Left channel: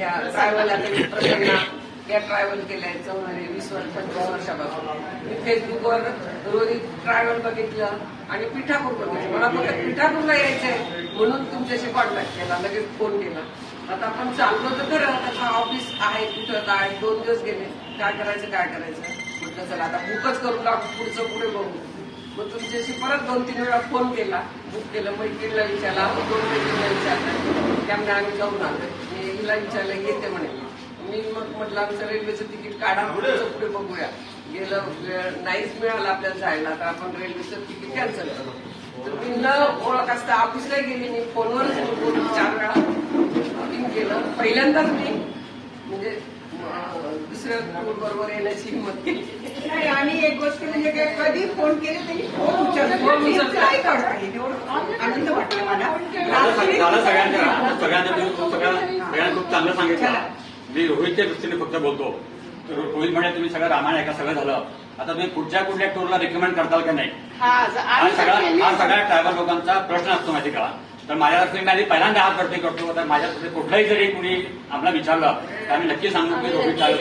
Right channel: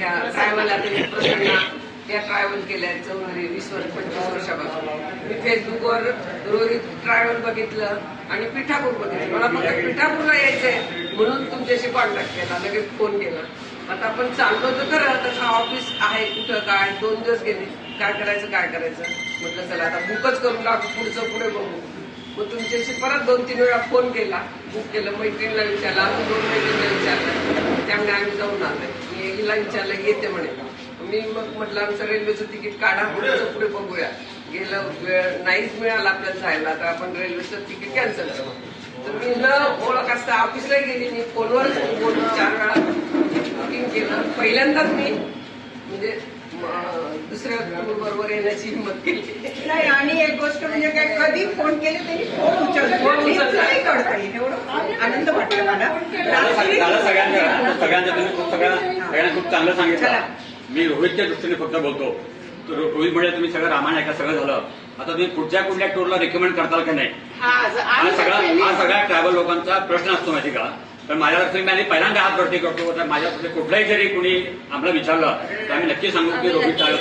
ह्या ट्रॅव्हल आता प्रसन्न या ट्रॅव्हल केल्या 25 वर्षापासून. मी फेसबुकवर रोहित ट्रॅव्हल बघितलं आणि पिठापूर बघितलं. मला फक्त पिठापूरला यायचंय म्हणून तुमच्याशी कॉन्टॅक्ट केला, लगेच फोन केला. आता आपण चाललो तर खरं, त्याचं ऑफिस आहे कुठं काय, 2 दिवस गेले, काय करायचं म्हटलं चला आता बुकच करून टाकू, पुढचं पुढे बघू. मग तुमच्याशी परत 2-3 वेळा फोन केला, बुक केलं, मैत्रिणीला विचारला, 2 मैत्रिणीला विचारलं, त्यामुळे आम्ही जाऊन आलोय. मी हिला विचारलं येते म्हणे. मी मग म्हटलं आमचं रेल्वेचं तिकीट काढा, पुढचं पुढे बघूया. गेलं वेळ नाहीच मिळाला आपल्याला जायला, तर आपण रेल्वेचं तिकीट कॅन्सल करू. तर मी न ओळख असता ऑफिसला गेली, मी फोनवर बोलून 4 वेळा बुकिंग केलं. पहिल्यांदाच मी म्हणजे दुसऱ्या टूर बरोबर येण्याची हिंमत केली नाही. आणि एक गोष्ट म्हणजे काय, कधी फोन केले त्यांनी फोन उचलला नाही करता येईल, एवढं आनंद वाटला मला. सगळ्यांना खूप चांगलं सांगितलं. मी रोहितच्या दृष्टीने फक्त बोलतो. रोहित म्हणजे तुम्ही सगळं रामायण ऐका, सगळं झालं. आता तुम्ही पुढच्या कुठल्या टूरला रिकमेंड करताल का नाही, हा सगळ्या ट्रायबल लोकांचा प्रश्न असतो माहिती का. तर माझ्या दृष्टीने आधी पहिल्यांदा हात वरती करतो. तर माझ्या कुठलाही जरी कुणी आम्हाला विचारलं तर आम्ही नक्की सांगू की रोहित ट्रॅव्हल